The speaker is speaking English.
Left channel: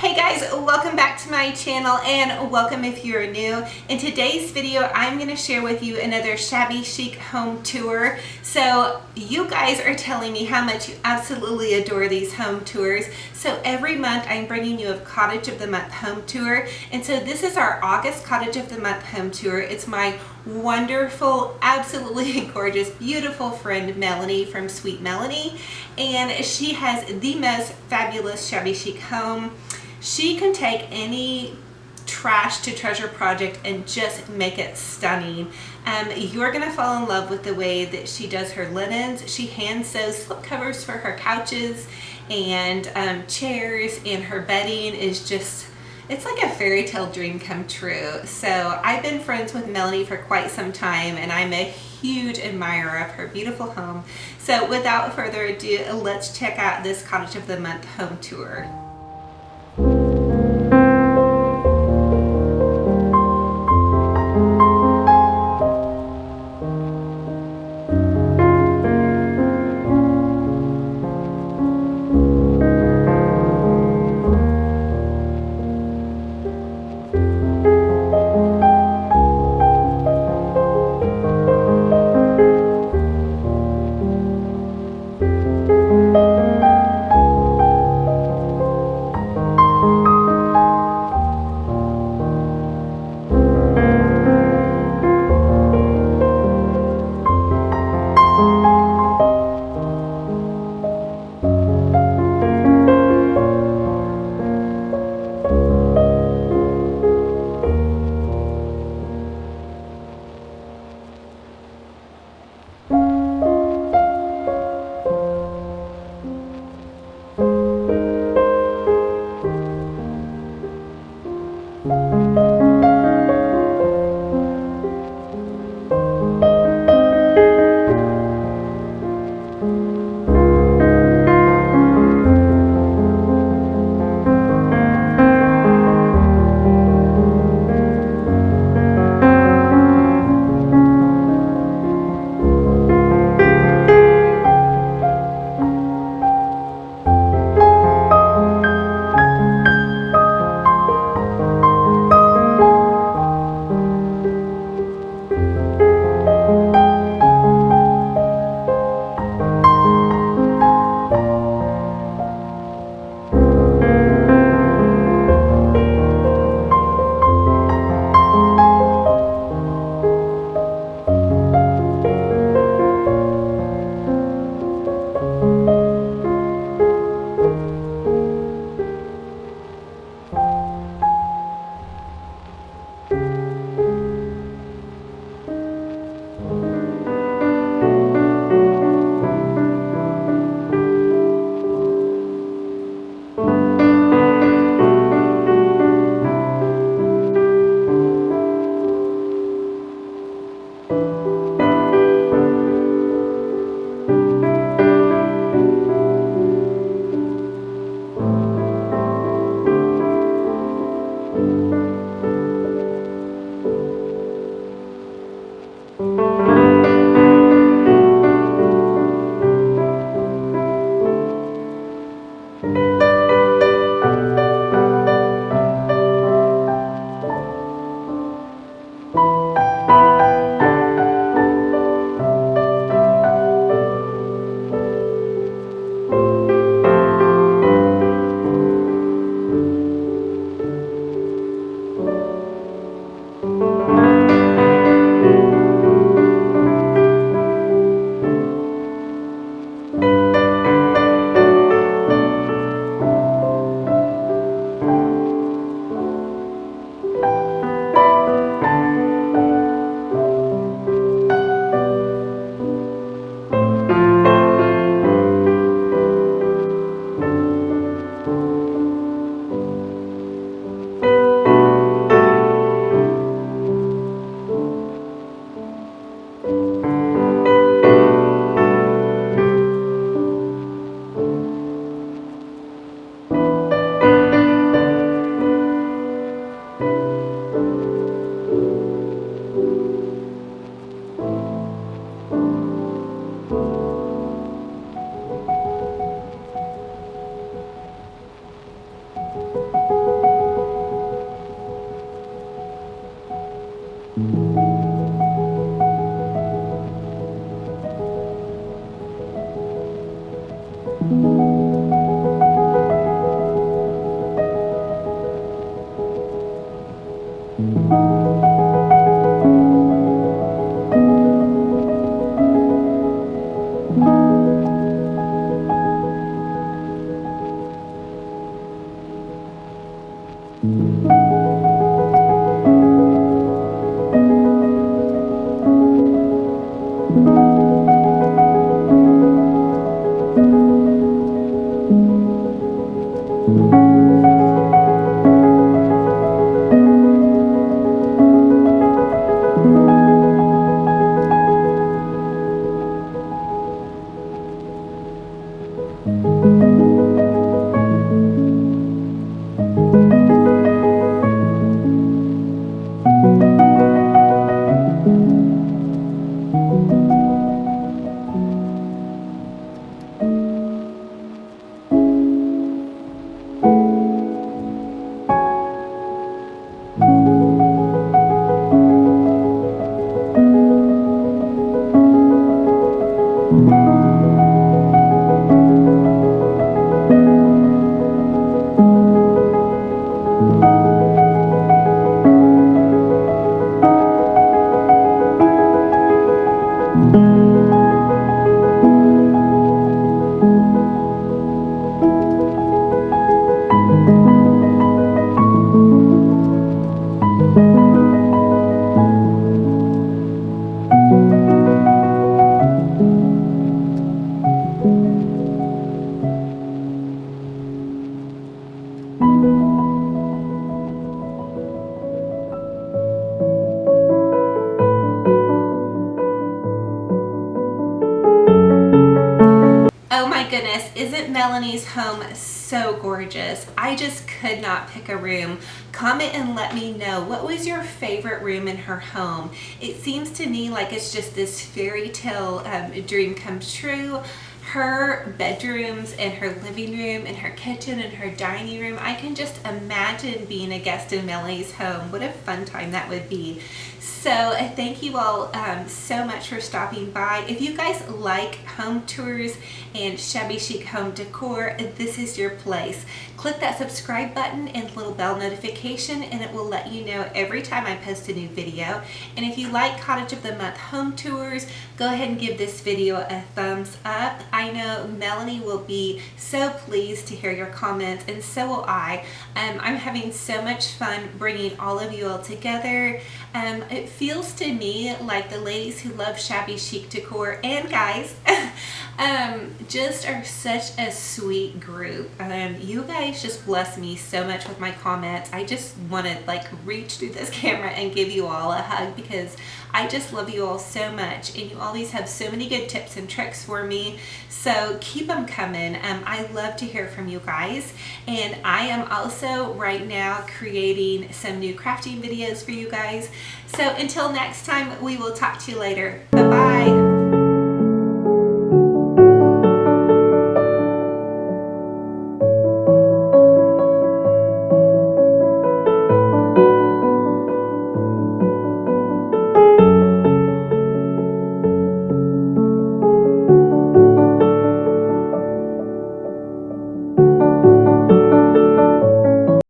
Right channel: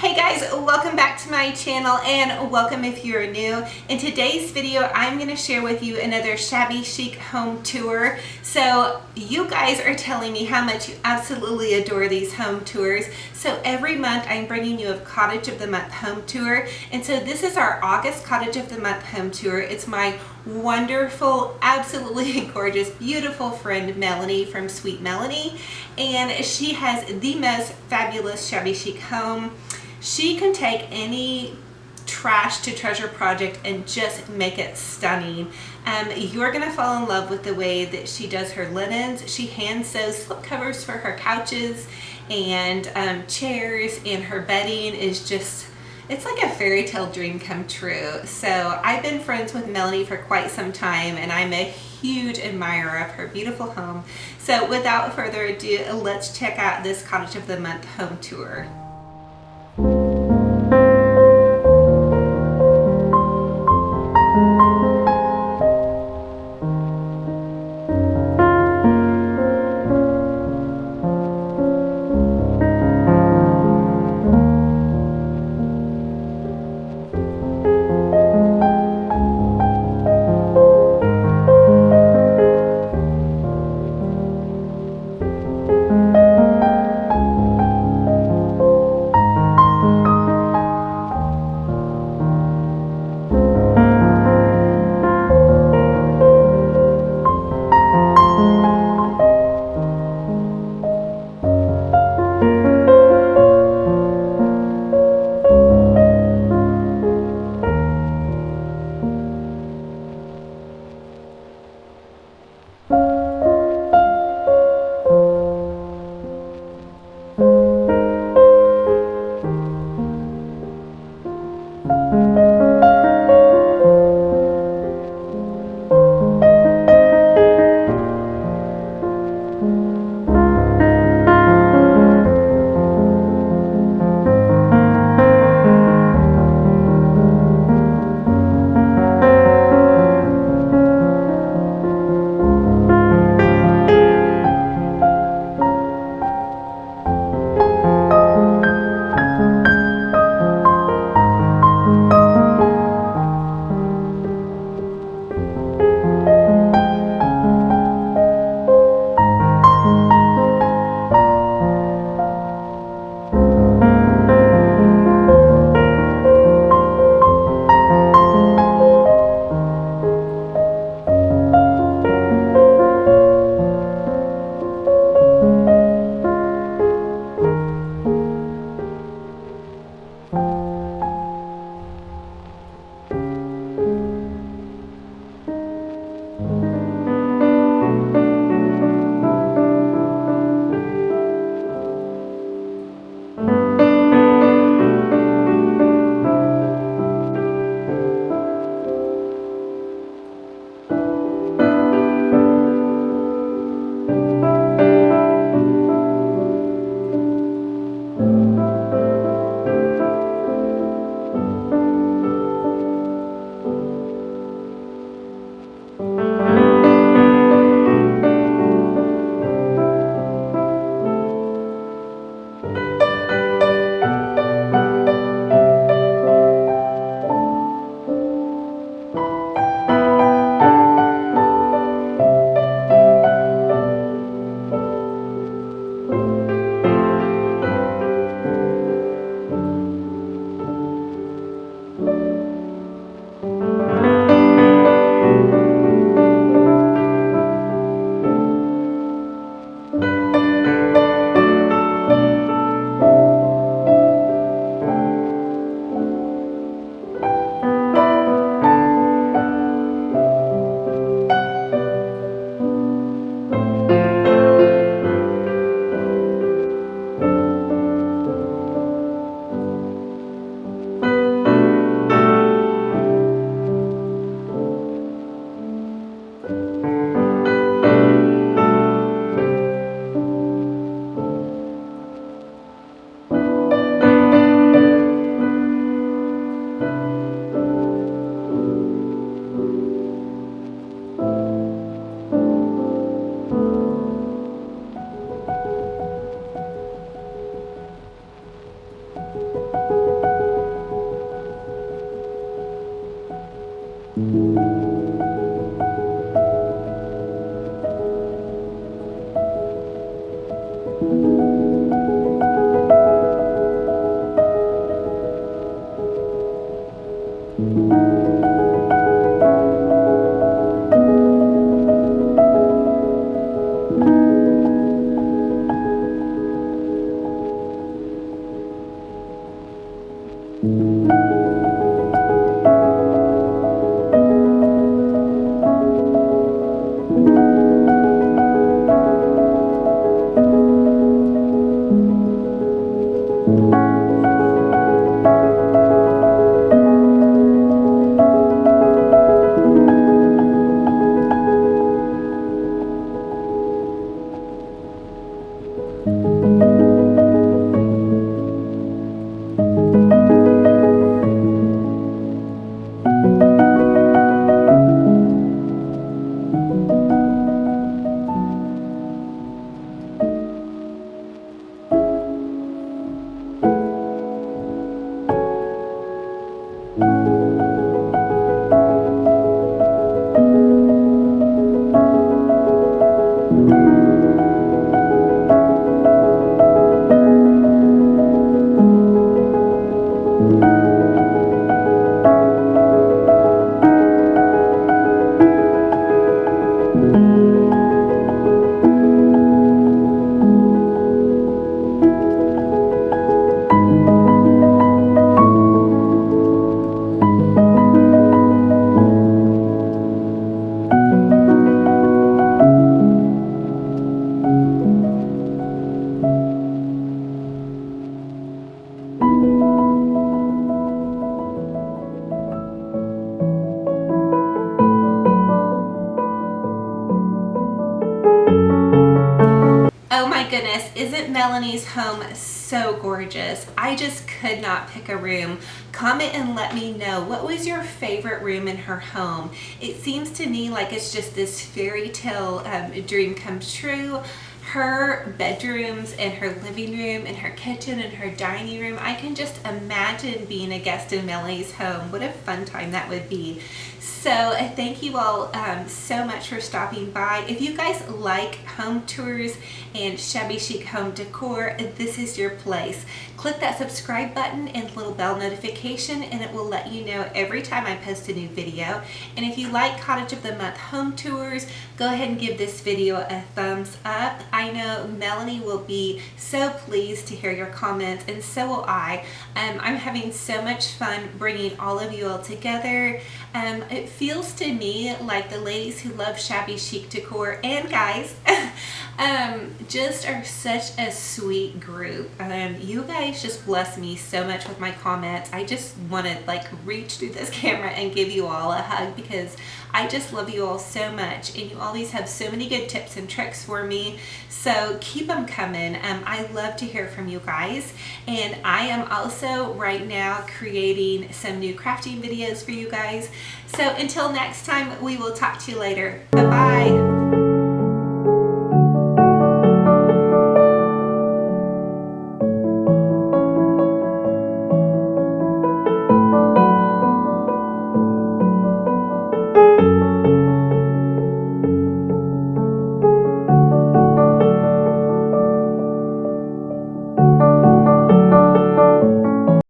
Hey guys, welcome back to my channel and welcome if you're new. In today's video, I'm going to share with you another Shabby Chic home tour. So you guys are telling me how much you absolutely adore these home tours. So every month I'm bringing you a Cottage of the Month home tour. And so this is our August Cottage of the Month home tour. It's my wonderful, absolutely gorgeous, beautiful friend Melanie from Sweet Melanie. And she has the most fabulous Shabby Chic home. She can take any trash to treasure project and just make it stunning. You're gonna fall in love with the way that she does her linens. She hand sews slip covers for her couches and chairs, and her bedding is just, it's like a fairy tale dream come true. So I've been friends with Melanie for quite some time, and I'm a huge admirer of her beautiful home. So without further ado, let's check out this Cottage of the Month home tour. Oh my goodness, isn't Melanie's home so gorgeous? I just could not pick a room. Comment and let me know, what was your favorite room in her home? It seems to me like it's just this fairy tale dream comes true. Her bedrooms and her living room and her kitchen and her dining room, I can just imagine being a guest in Melanie's home. What a fun time that would be. So thank you all so much for stopping by. If you guys like home tours and shabby chic home decor, this is your place. Click that subscribe button and little bell notification and it will let you know every time I post a new video. And if you like Cottage of the Month home tours, go ahead and give this video a thumbs up. I know Melanie will be so pleased to hear your comments, and so will I. I'm having so much fun bringing all of you all together. It feels to me like the ladies who love shabby chic decor, and guys, just are such a sweet group. You guys just bless me so much with my comments. I just want to like reach through this camera and give you all a hug because I just love you all so much, and you always have so many good tips and tricks for me, so keep them coming. I love to hear from you guys, and I am also right now creating some new crafting videos for you guys. So until next time, we will talk to you later. Bye-bye.